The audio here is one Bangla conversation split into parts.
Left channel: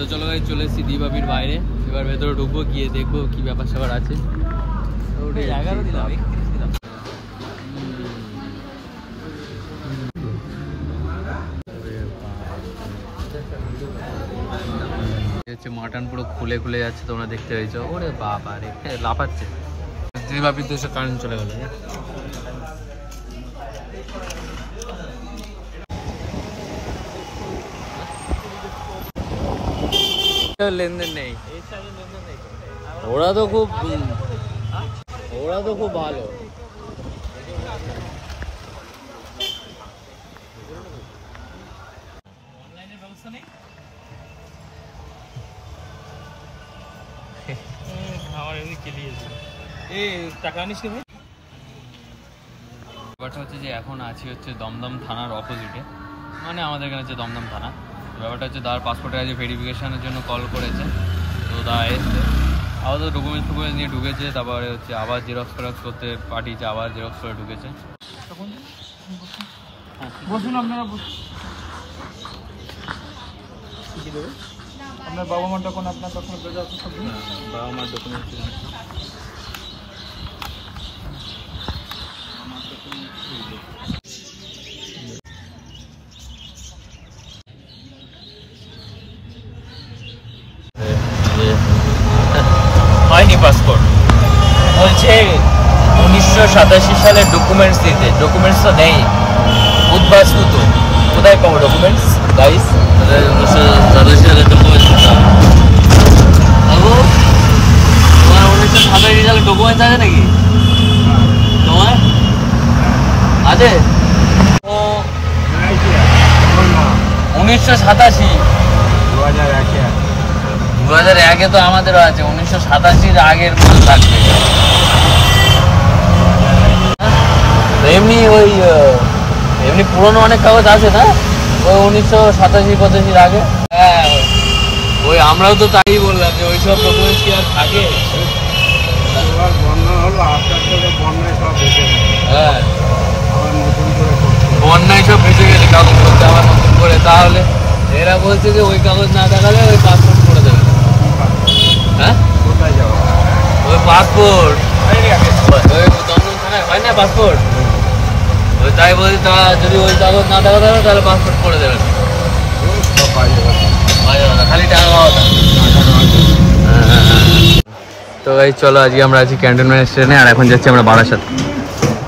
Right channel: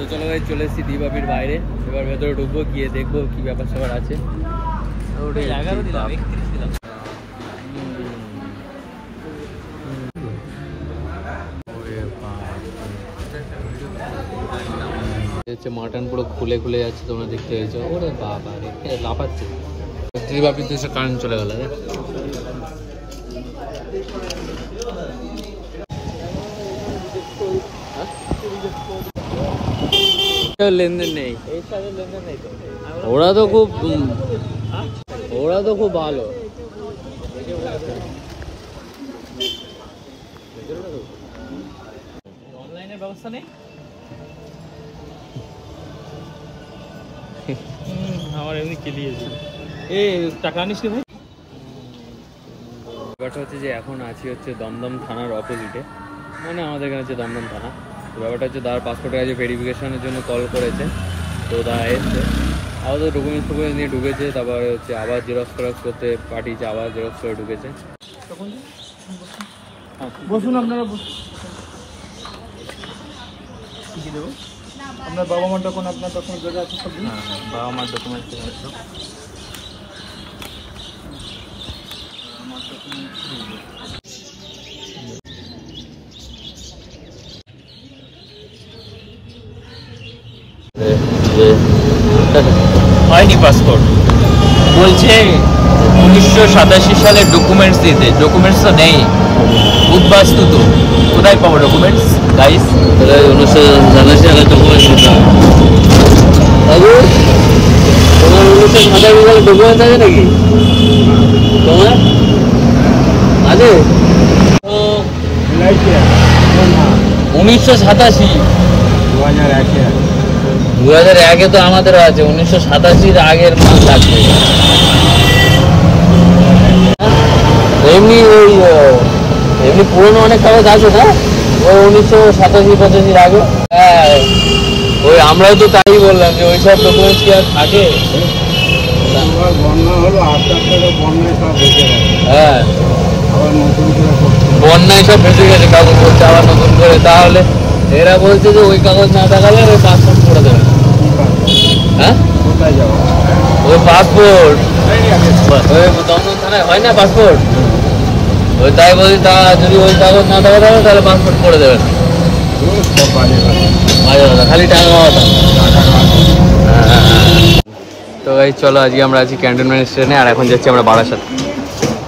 তো চলো ভাই চলে এসেছি দিবাবির বাইরে, এবার ভেতরে ঢুকবো, গিয়ে দেখবো কি ব্যাপার স্যাপার আছে। হচ্ছে মাটন পুরো খুলে খুলে যাচ্ছে, তোমরা দেখতে পেয়েছো। ওরে বাবা রে, লাফাচ্ছে। দিবাবির দেশে কারেন্ট চলে গেল। লেনদেন নেই, ওরা তো খুব ভালো। অনলাইনের ব্যবস্থা নেই, আমার এমনি কেলিয়েছে। এই টাকা আনিস নেব। ব্যাপারটা হচ্ছে যে এখন আছি হচ্ছে দমদম থানার অপোজিটে, মানে আমাদের এখানে হচ্ছে দমদম থানা। তো ব্যাপারটা হচ্ছে দাদার পাসপোর্টের কাছে ভেরিফিকেশনের জন্য কল করেছে, তো দাদা এসছে, আবার তো ডকুমেন্টস নিয়ে ঢুকেছে, তারপরে হচ্ছে আবার জেরক্স ফেরক্স করতে পাঠিয়েছে, আবার জেরক্স করে ঢুকেছে। বসুন, আপনারা বসুন। আপনার বাবা মার যখন আপনার ডকুমেন্ট জায়গা আছে সব বাবা মার ডকুমেন্টস হয়নি পাসপোর্ট, বলছে 1987 সালের ডকুমেন্টস দিতে। ডকুমেন্টস তো নেই, উদ্বাস্তু তো, কোথায় পাবো ডকুমেন্টস? গাইস 1987 সালের ডকুমেন্টস দিতে হবে। বাবু তোমার 1987 সালের ডকুমেন্টস আছে নাকি? তোমার আছে? 1987 2001 তো আমাদেরও আছে, 1987 আগের মাল লাগবে। এমনি এমনি পুরোনো অনেক কাগজ আছে না, ওই 1987-85 আগে। হ্যাঁ ওই আমরাও তো তাই বললাম যে ওইসব ডকুমেন্টস কি আর থাকে? হ্যাঁ বন্যায় সব ভেসে গেছে কাগজ বলছে, আবার নতুন করে। তাহলে এরা বলছে যে ওই কাগজ না দেখালে ওই পাসপোর্ট করে দেবে। হ্যাঁ কোথায় যাবো? ওই পাসপোর্ট ওই দমদম থানায় হয় না পাসপোর্ট, ওই তাই বলছি, তা যদি ওই কাগজ না দেখা যাবে তাহলে পাসপোর্ট করে দেবে। খালি টাকা পাওয়া। তো এই চলো আজকে আমরা আছি ক্যান্টনমেন্ট স্টেশনে, আর এখন যাচ্ছি আমরা বারাসাত।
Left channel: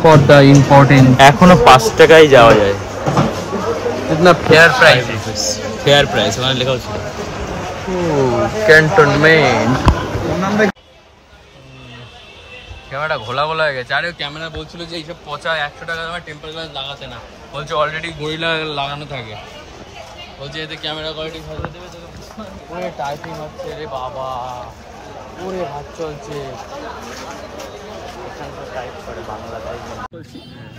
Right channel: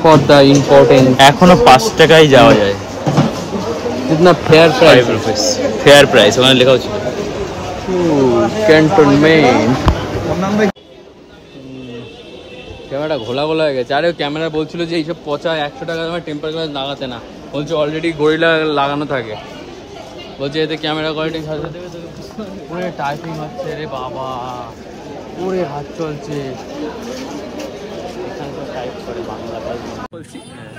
ফর দ্য ইম্পর্টেন্ট এখনো 5 টাকায় যাওয়া যায়, जितना फेयर प्राइस है, फेयर प्राइस ওখানে লেখা আছে ক্যান্টনমেন্ট। ক্যামেরাটা ঘোলা ঘোলা হয়ে গেছে। আরে ক্যামেরা বলছিল যে এইসব পচা 100 টাকা দামের টেম্পার গ্লাস লাগাতে না, বলছে অলরেডি গরিলা লাগানো থাকে, বলছে এতে ক্যামেরা কোয়ালিটি সাথে দেবে। তো পুরো টাইপিং হচ্ছে রে বাবা, পুরো হাত চলছে।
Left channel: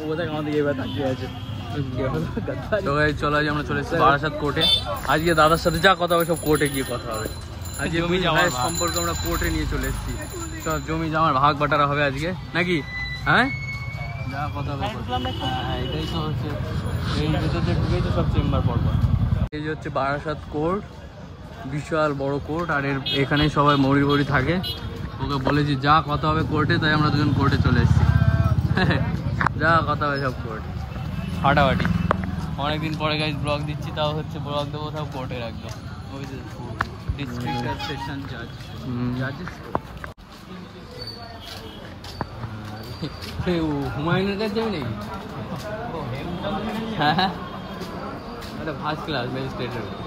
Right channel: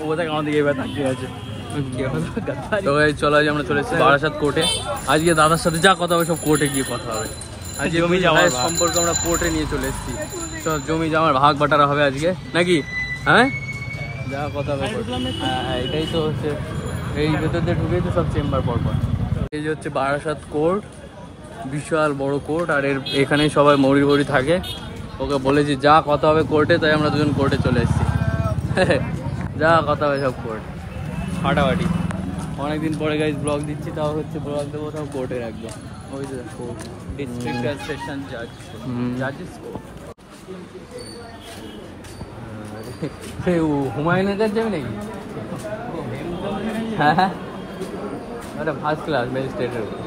ও বোধহয় আমার দিকে ব্যথা চলছে। তো এই চলো আজ আমরা চলে এসেছি বারাসাত কোর্টে। আজকে দাদার সাথে যা কথা হবে সব কোর্টে গিয়ে কথা হবে। আজকে জমি জমার সম্পর্কে আমরা কোর্টে নিয়ে চলে এসেছি। সব জমি জমার ভাগ বাটারা হবে আজকে নাকি? হ্যাঁ যা কথা হবে। হ্যাঁ এটাই তো হচ্ছে, এই ভেতর দিয়ে ঢুকেই তো সব চেম্বার পরপর। এই যে হচ্ছে বারাসাত কোর্ট, বিশাল বড় কোর্ট, আর এখানেই সবাই মৌরি বড়ি থাকে। ওকে বলেছি যা কথা হবে কোর্টে, তাই আমরা দুজন কোর্টে চলে এসেছি। যা কথা হবে সব কোর্ট ফাটাফাটি। অনেকদিন পরে গাইজ ব্লগ দিচ্ছি, তাও হচ্ছে ব্লগ দেবো সব কোর্টে রাখবো। ওই যে ডিস্ট্রিক্ট আর সেশন জাজ হুমায়ুনের কাছে যাবে নাকি? হ্যাঁ হ্যাঁ একটা ফার্স্ট ক্লাস ম্যাজিস্ট্রেটের উপর।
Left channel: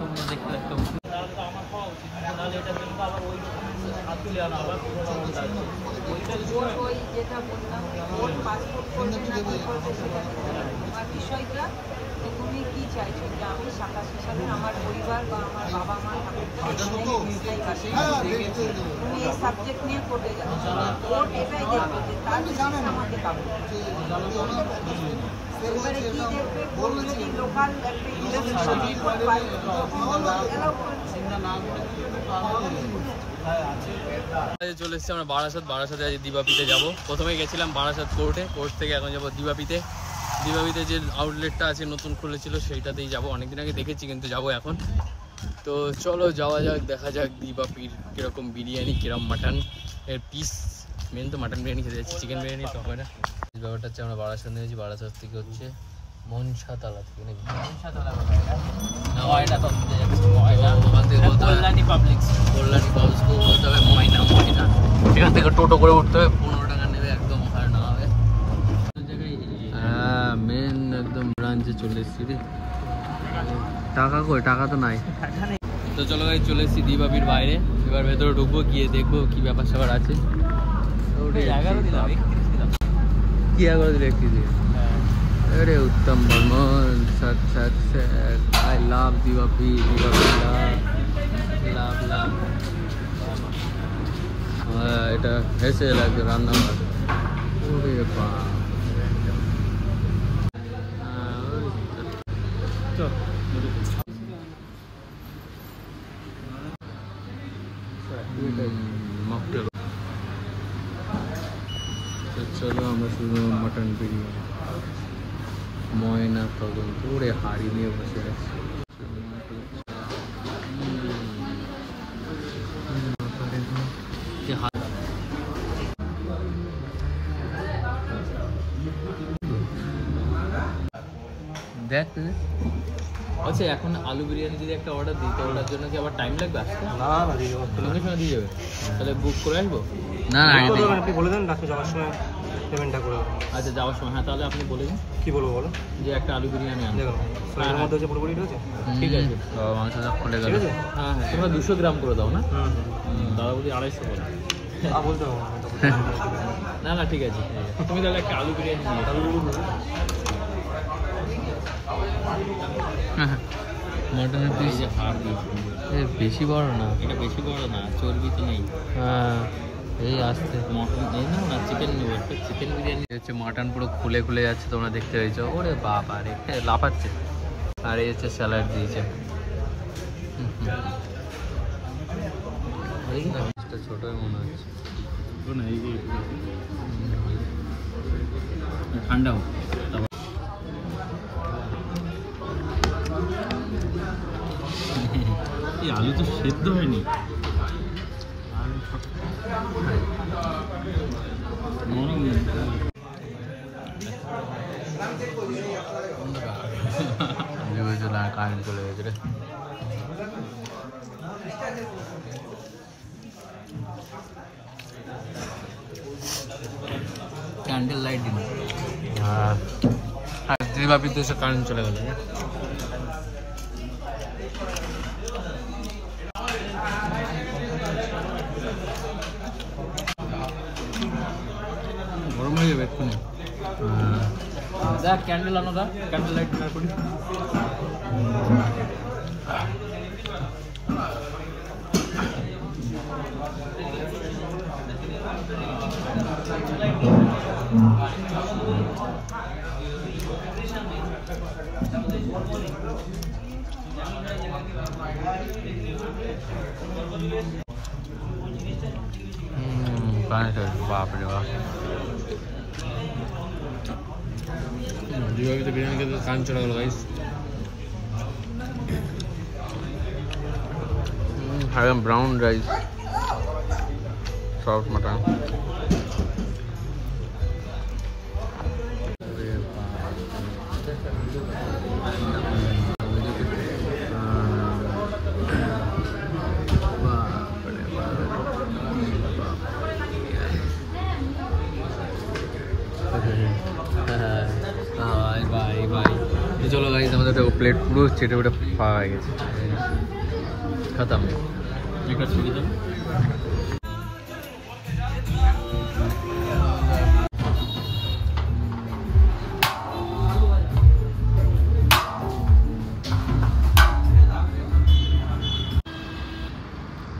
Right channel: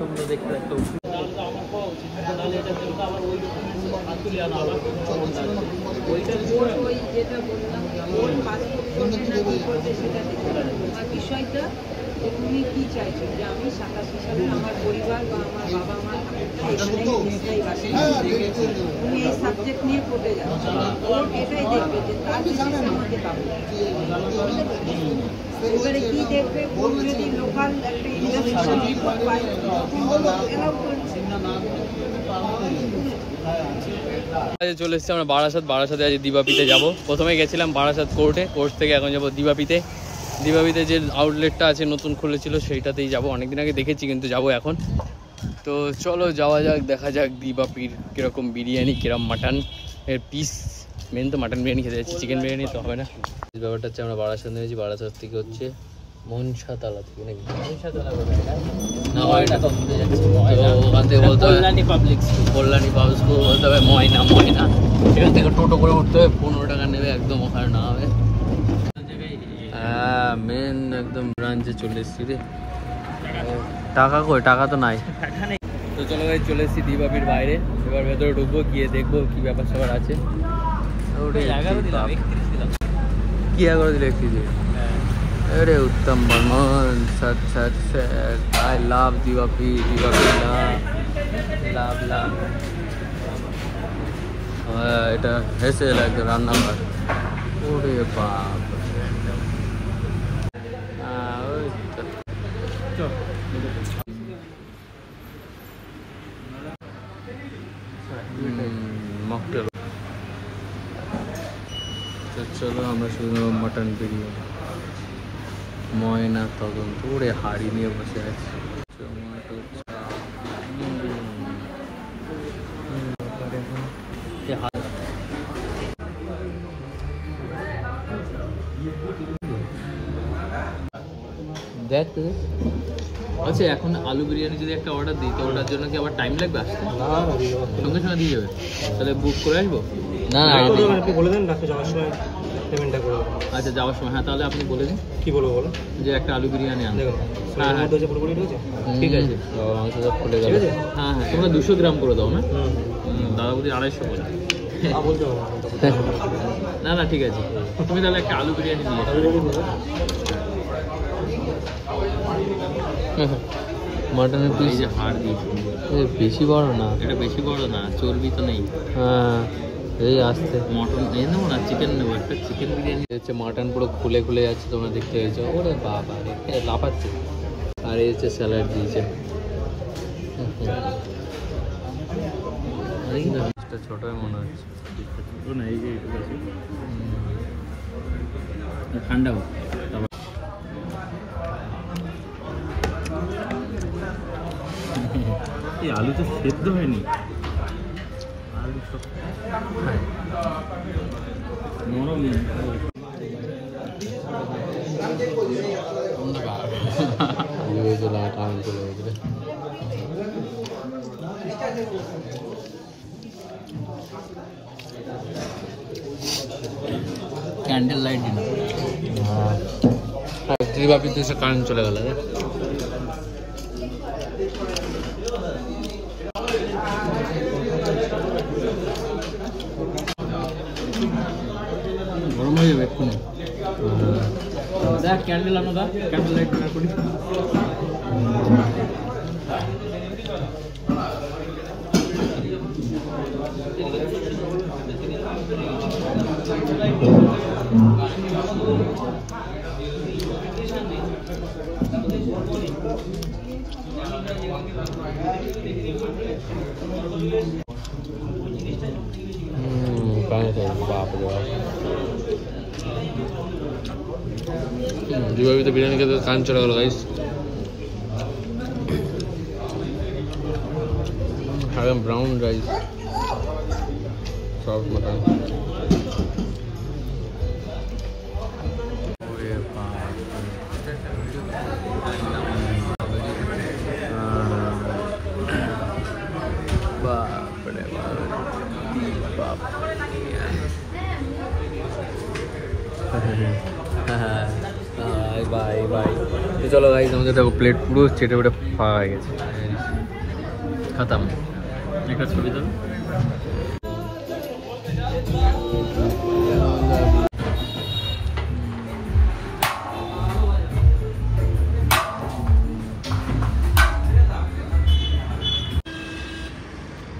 তোমরা দেখতে একটা বিষয়টা তুমি কি চাইছো যে আমি 87 সালে আমার পরিবার বা আমার বাবা মা তুমি এই সাবজেক্ট নিয়ে পড়তে যাচ্ছ, কোর্ট এটাই দেখবে যে তার জিনিস আমাকে পাবে। এবারে কি দেখবে, কোর্ট যদি লোকাল একটা ইনভেস্টিগেশন রিপোর্ট পায় তখন এলাও করছে। চলে এসেছি আমরা বারাসাতে আজ দিবাপিতে যাবো। প্রথমে গেছিলাম বারাসাত কোর্টে, কোর্ট থেকে এখন যাবো দিবাপিতে। দিবাপিতে যে আউটলেটটা আছে নতুন খুলেছিল সেইটাতেই যাবো। অনেকদিন আগে দেখেছি কিন্তু যাবো এখন। তো চলো যাওয়া যাক, দেখা যাক দিবাপির কিরকম বিরিয়ানি, কিরকম মাটন এর পিস। মেন তো মাটন বিরিয়ানি খেতে যাচ্ছি, চিকেন বিরিয়ানি তো হবে না। ব্যাপারটা হচ্ছে আমরা বারাসাত নিয়েছি, বারাসাত থেকে হচ্ছে মনসাতলা থেকে নাকি না ময়না ওখান থেকে বলতে হবে কল্যাণী পাবলিক স্কুল বলতে হবে ময়না। এখান থেকে টোটো করে উঠতে হবে, 15 টাকা নেবে, একদম ওখানে না হবে। হ্যাঁ মেন একদম ব্রাঞ্চে চলে এসেছি রে। টাকা কই? টাকা তো নাই। তো চলো ভাই চলে এসেছি দিবাপির বাইরে, এবার ভেতরে ঢুকবো, গিয়ে দেখবো কি ব্যাপার স্যাপার আছে। কি আগে দেখছি अरे उत्तम बर्मन सच आई लव दिवापी लाभ এটা হেসে লাগে রান্নাঘর। ওরে বাপ মকটেল। চলো আমরা শুধু মটন বিরিয়ানি ময়না তদন্ত ওরে হাড়ি নিয়ে বসে আছে। দেখ আচ্ছা এখন আলু বিরিয়ানি যদি একটা অর্ডার দিই তো ওটার জন্য কি আবার টাইম লাগবে আসতে? না দিয়ে যাবে, তাহলে বুক করে আসবো। না আগে আপনি বলে দেন রাতে যাওয়ার সময় পেমেন্টটা করে দেবো। আচ্ছা যাওয়ার সময়, হ্যাঁ তাহলে আপনি বলে দিন। কি বলবো বলো? যে একটা আলু বিরিয়ানি আনবে। হ্যাঁ ঠিক আছে, মাংস সব খুলে গেল। হ্যাঁ হ্যাঁ তোমরা 200 গ্রাম করে দাও না? দাদা বলি 250 করে বলতে হবে। না না ঠিক আছে, তুমি তাহলে একটা আলু বিরিয়ানি নিয়ে মাটনের পিস বেশি বড় না, এটা বেশি বড় না, চর্বি তো নেই। হ্যাঁ এই আসতে মটন এই নেবো না, চিকেন নেবো একটা। চিকেন বিরিয়ানি হচ্ছে মাটন পুরো খুলে খুলে যাচ্ছে, তোমরা দেখতে পেয়েছো। ওরে বাবা রে লাফাচ্ছে। আর এই হচ্ছে স্যালাড দিয়েছে। ছোটই মনে হচ্ছে না, এই ঠান্ডা হোক। আলু তো সেদ্ধ হয়নি, আলু নরম। কারেন্ট চলে গেছে রে। ক্যান্ডেল লাইট দিন। দিবাপিতে এসে কারেন্ট চলে গেল রে। গরম হয়ে যাবে এক্ষুনি। দেখ ক্যান্ডেল আনো, দা ক্যান্ডেল লাইট করি। বাপ রে বাপ, দিবাপিতে বিরিয়ানি খেতে কান চলে গেল guys. Brown rice, soft mutton. চলো গাইস আমাদের দেখো প্লেট পুরো চেটে পেটে ফাঁকা হয়ে গেছে, খতম। একটা ছবি দাও।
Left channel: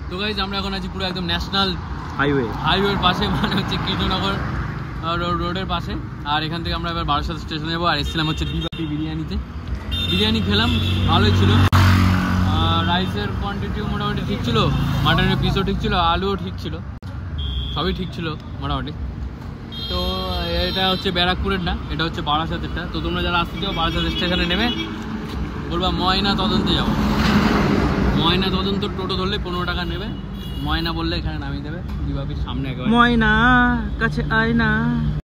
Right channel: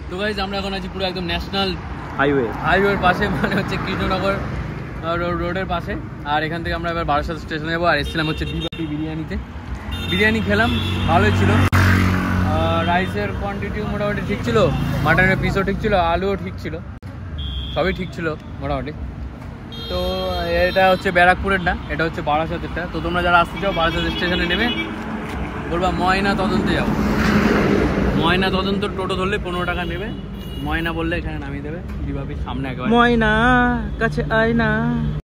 তো গাইস আমরা এখন আছি পুরো একদম ন্যাশনাল হাইওয়ের পাশে, মানে হচ্ছে কৃষ্ণনগর রোডের পাশে। আর এখান থেকে আমরা এবার বারাসাত স্টেশনে যাবো। আর এসেছিলাম হচ্ছে দিবাপি বিরিয়ানিতে। বিরিয়ানি খেলাম, ভালোই ছিল। রাইসের কোয়ান্টিটিও মোটামুটি ঠিক ছিল, মাটনের পিসও ঠিক ছিল, আলুও ঠিক ছিল। সবই ঠিক ছিল মোটামুটি। তো এটা হচ্ছে ব্যারাকপুরের না, এটা হচ্ছে বারাসাতেরটা। তো তোমরা যারা আসতে চাও বারাসাত স্টেশনে নেমে বলবা ময়না তদন্তে যাবো। ময়না তদন্ত টোটো ধরলে 15 টাকা নেবে, ময়না বললে এখানে নামিয়ে দেবে, বিভাগের সামনে একেবারে। ময়না কাছে আয় না।